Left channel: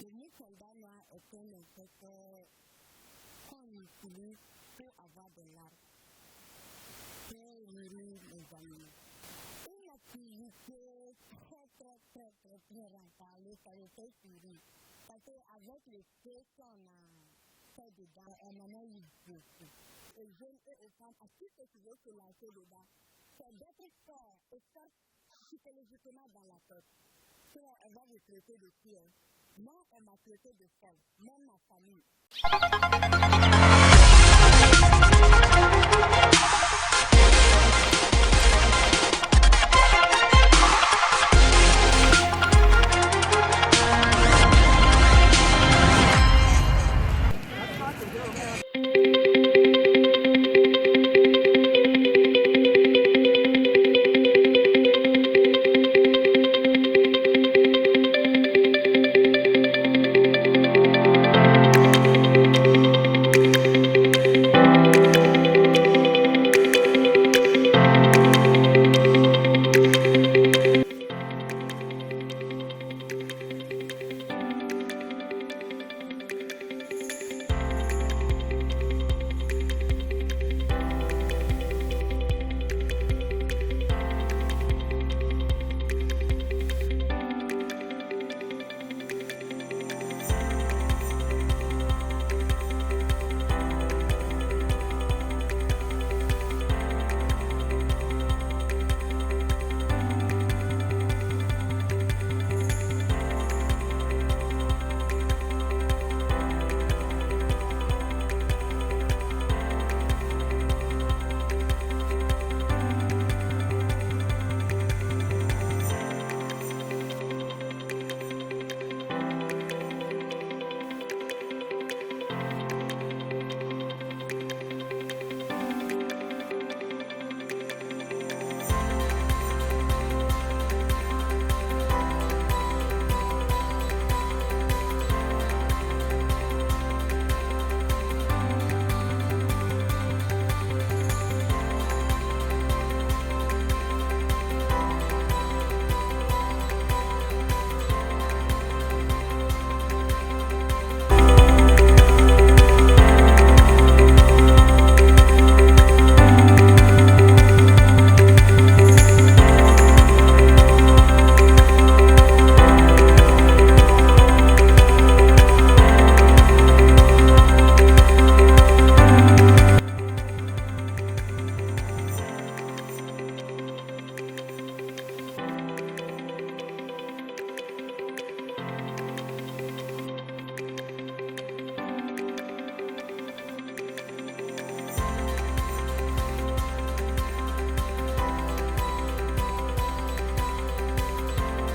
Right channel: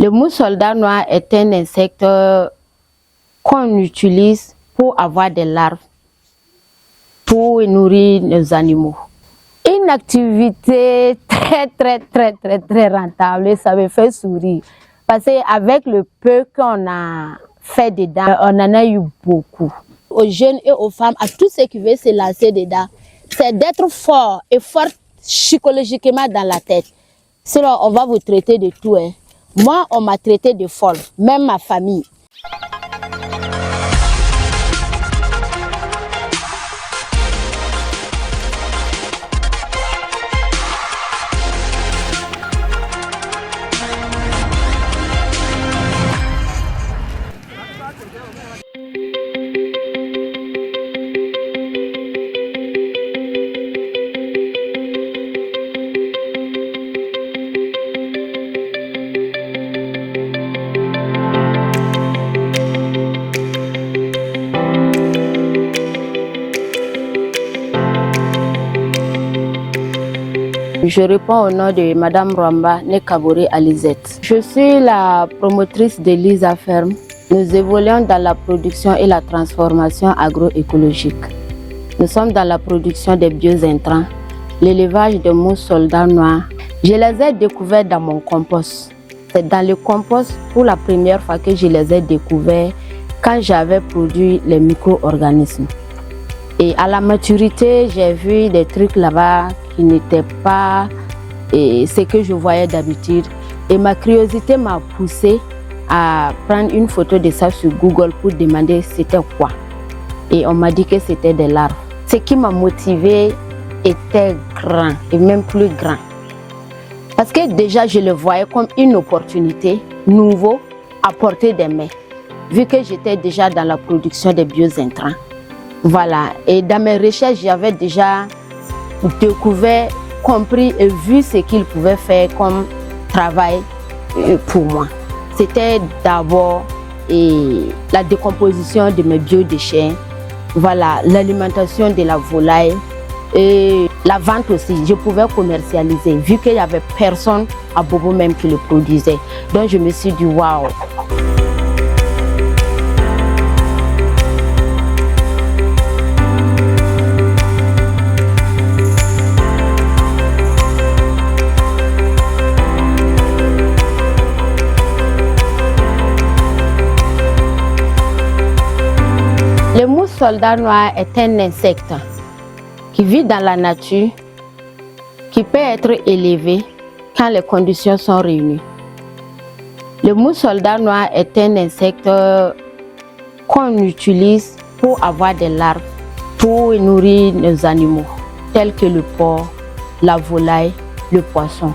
Le mouche soldat noir est un insecte qu'on utilise pour avoir des larves, pour nourrir nos animaux. Une activité très rentable, ça me fait sourire. Parce qu'avec le peu qu'on a fait dedans, on en a eu beaucoup. Aux jeunes et aux femmes, à tous ceux qui veulent se lancer dedans, c'est d'être fort et fort psychologiquement dans la tête. Sinon, on va vous traiter de tout. Hein. Moi, on m'a traité de folle, même ma famille. Je réponds au nom de Madame Rwamba Nekabore Alizette. Je suis la promotrice de Lisa Ferme. Nous évoluons dans la production et la transformation agroécologique. Nous sommes dans la production des biointrants, l'élevage de mouches soldats noirs. Je les ai découverts dans mon compost. C'est dans le compost pour la première fois que je les ai découverts quand j'avais produit les micro-organismes. Et à la maturité, j'ai vu des trucs là-bas qui n'étaient pas ce que je voyais d'habitude. Et ma curiosité m'a poussé à prendre une photo de ça sur Google pour demander c'était quoi. Et on m'a dit que c'était des larves. Ce qui m'a motivé était grand et même plus grand. Parce que déjà, je le voyais comme une opportunité nouveau à portée des mains. Vu que j'étais déjà dans la production des biointrants. Voilà, et dans mes recherches, j'avais déjà découvert, compris et vu ce qu'ils pouvaient faire comme travail pour moi. C'était d'abord la décomposition de mes biodéchets, voilà, l'alimentation de la volaille et la vente aussi. Je pouvais commercialiser vu qu'il n'y avait personne à Bobo même qui le produisait. Donc je me suis dit waouh. Le soldat noir est un insecte qui vit dans la nature, qui peut être élevé quand les conditions sont réunies. Le mouche soldat noir est un insecte qu'on utilise pour avoir des larves, pour nourrir nos animaux, tels que le porc, la volaille, le poisson.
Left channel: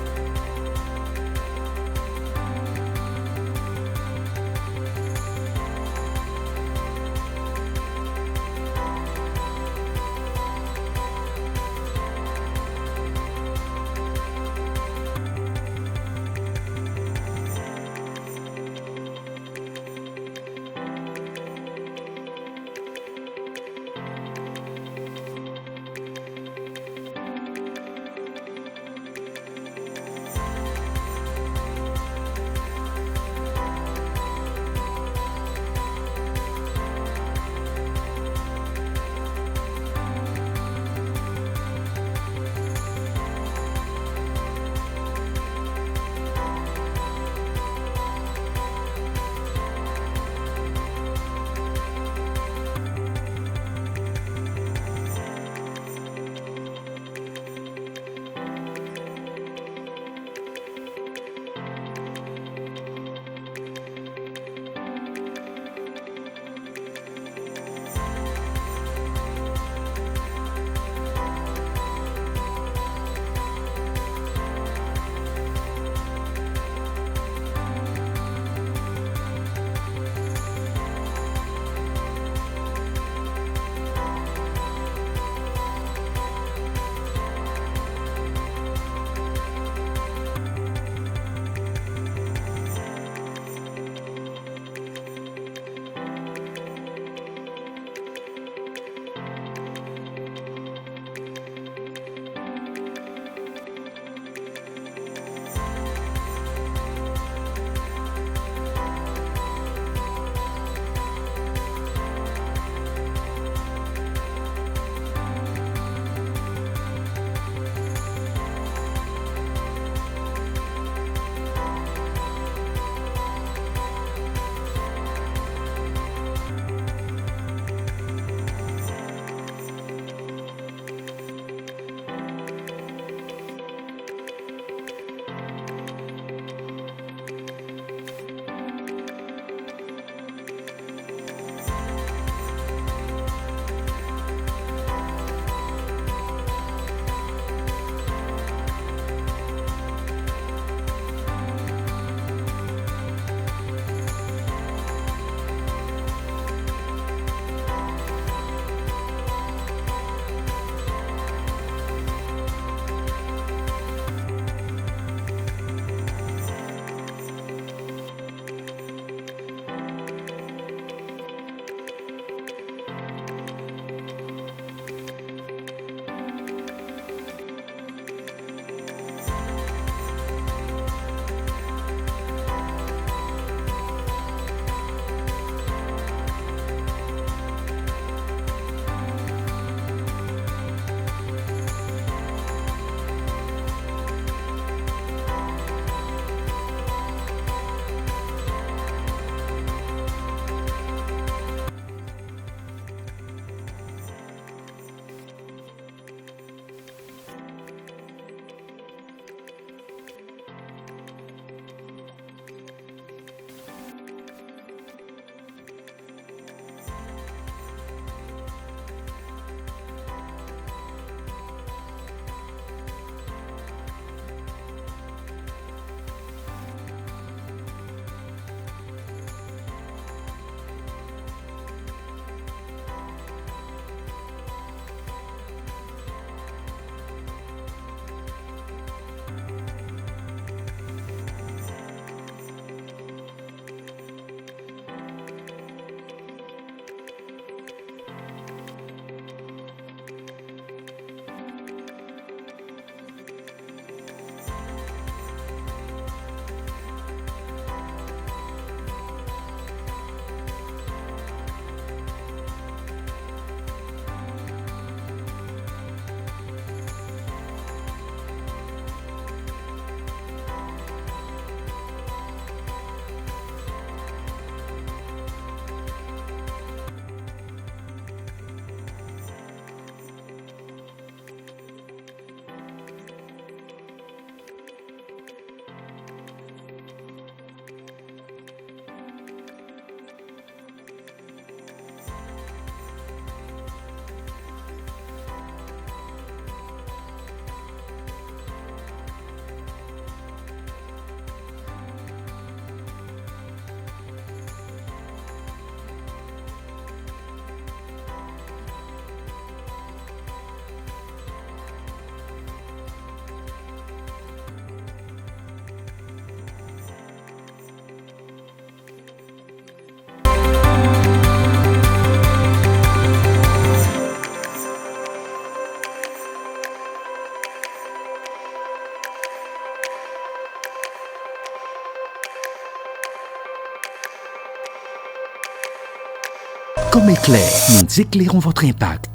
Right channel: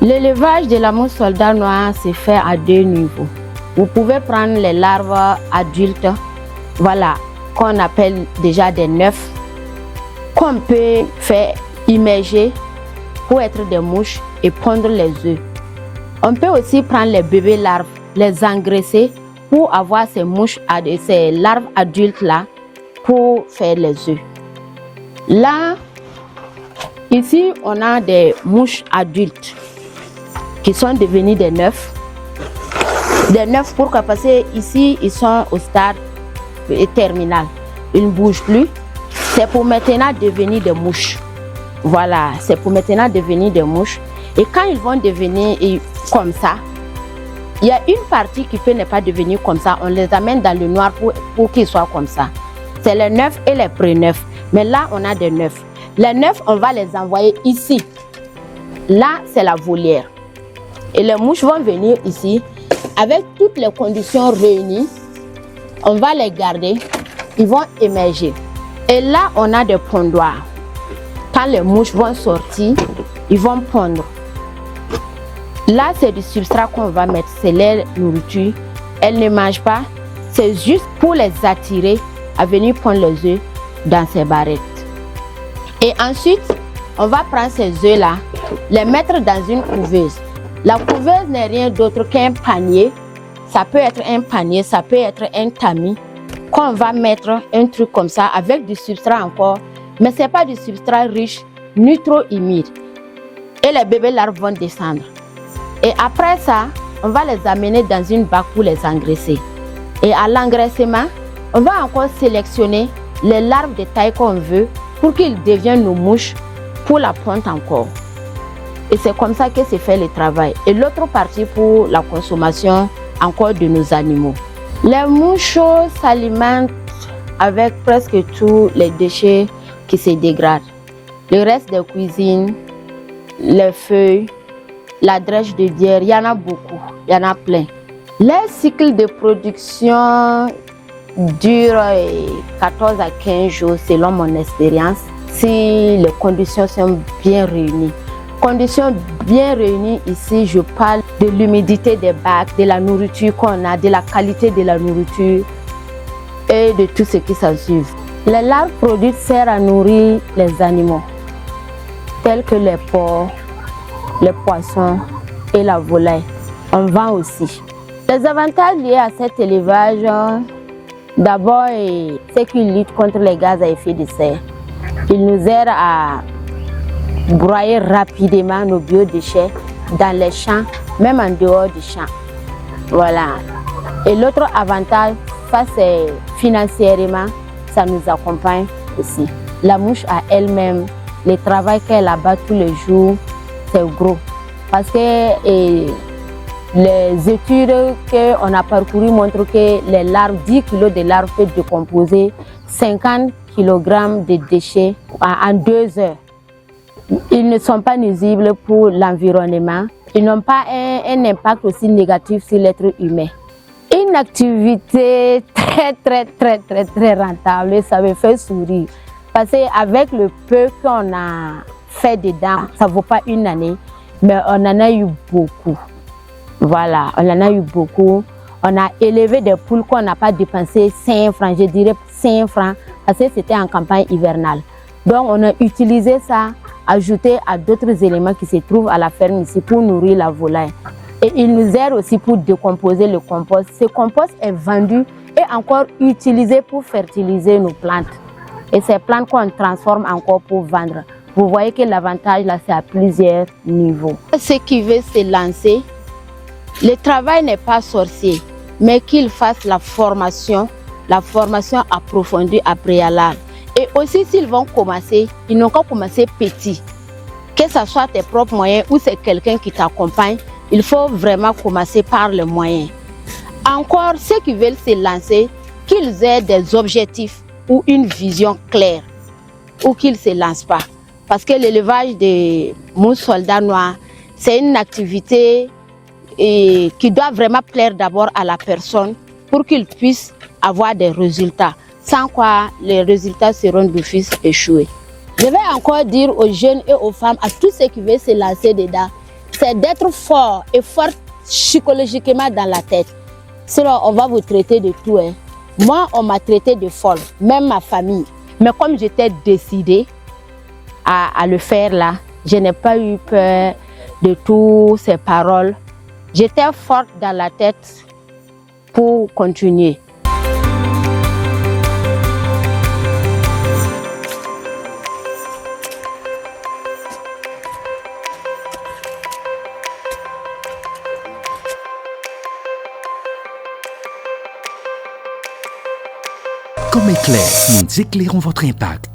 L'élevage de la mouche soldat noir se fait à deux niveaux. Vous pouvez prendre les larves adultes, voilà, qu'on appelle déjà des neufs, qu'on peut faire immerger pour être des mouches et pondre les œufs. On peut aussi prendre les bébés larves, les engraisser pour avoir ces mouches, ces larves adultes là, pour faire les œufs. Là, ici, on a des mouches adultes qui sont devenus des neufs. Des neufs pourquoi? Parce que ici, ils sont au stade terminal. Ils ne bougent plus. C'est pour maintenant devenir des mouches. Voilà, c'est pour maintenant devenir des mouches. Et quand ils vont devenir comme ça, il y a une partie qui peut ne pas devenir comme ça. On les amène dans le noir pour qu'ils soient comme ça. C'est les neufs et les pré-neufs. Mais là, on a des neufs. Les neufs, on va les envoyer ici. Là, c'est la volière. Et les mouches vont venir ici. Avec toutes les conditions réunies, on va les garder. Ils vont émerger. Et là, on a des pondoirs. Quand les mouches vont sortir, ils vont pondre. Là, c'est du substrat qu'on va mettre. C'est leur nourriture. Elles ne mangent pas. C'est juste pour les attirer à venir prendre les œufs dans ces barrettes. Et ensuite, on va prendre ces œufs-là, les mettre dans une couveuse. La couveuse n'est rien d'autre qu'un panier. Ça peut être un panier, ça peut être un tamis. Qu'on va mettre un truc comme ça avec du substrat encore. Mais ce n'est pas du substrat riche ni trop humide. Et les bébés larves vont descendre. Et après ça, on va les amener dans une bac pour les engraisser. Et à l'engraissement, on va encore sélectionner les larves de taille qu'on veut pour qu'ils deviennent nos mouches pour la ponte encore. Et c'est comme ça que se fait le travail. Et l'autre partie pour la consommation encore de nos animaux. Les mouches s'alimentent avec presque tous les déchets qui se dégradent. Le reste des cuisines, les feuilles, la drèche de bière, il y en a beaucoup, il y en a plein. Les cycles de production durent 14 à 15 jours selon mon expérience, si les conditions sont bien réunies. Conditions bien réunies ici, je parle de l'humidité des bacs, de la nourriture qu'on a, de la qualité de la nourriture et de tout ce qui s'ensuit. Les larves produites servent à nourrir les animaux, tels que les porcs, les poissons et la volaille. On vend aussi. Les avantages liés à cet élevage, d'abord, c'est qu'il lutte contre les gaz à effet de serre. Il nous aide à broyer rapidement nos biodéchets dans les champs, même en dehors du champ. Voilà. Et l'autre avantage, ça c'est financièrement, ça nous accompagne aussi. La mouche à elle-même, le travail qu'elle abat tous les jours, c'est gros. Parce que les études qu'on a parcourues montrent que les larves, 10 kg de larves peuvent décomposer 50 kg de déchets en 2 heures. Ils ne sont pas nuisibles pour l'environnement. Ils n'ont pas un impact aussi négatif sur l'être humain. Une activité très rentable, ça me fait sourire. Parce qu'avec le peu qu'on a fait dedans, ça ne vaut pas une année, mais on en a eu beaucoup. Voilà, on en a eu beaucoup. On a élevé des poules qu'on n'a pas dépensé 5 francs, je dirais 5 francs, parce que c'était en campagne hivernale. Donc on a utilisé ça, ajouté à d'autres éléments qui se trouvent à la ferme ici pour nourrir la volaille. Et il nous aide aussi pour décomposer le compost. Ce compost est vendu et encore utilisé pour fertiliser nos plantes. Et ces plantes qu'on transforme encore pour vendre. Vous voyez que l'avantage là, c'est à plusieurs niveaux. Ceux qui veulent se lancer, le travail n'est pas sorcier, mais qu'ils fassent la formation approfondie à préalable. Et aussi, s'ils vont commencer, ils n'ont qu'à commencer petit. Que ce soit tes propres moyens ou c'est quelqu'un qui t'accompagne, il faut vraiment commencer par les moyens. Encore, ceux qui veulent se lancer, qu'ils aient des objectifs ou une vision claire, ou qu'ils ne se lancent pas. Parce que l'élevage des mouches soldats noirs, c'est une activité qui doit vraiment plaire d'abord à la personne pour qu'il puisse avoir des résultats. Sans quoi, les résultats seront d'office échoués. Je vais encore dire aux jeunes et aux femmes, à tous ceux qui veulent se lancer dedans, c'est d'être fort et fort psychologiquement dans la tête. Sinon, on va vous traiter de tout. Moi, on m'a traité de folle, même ma famille. Mais comme j'étais décidée à le faire là, je n'ai pas eu peur de toutes ces paroles. J'étais forte dans la tête pour continuer. Comme éclair, nous éclairons votre impact.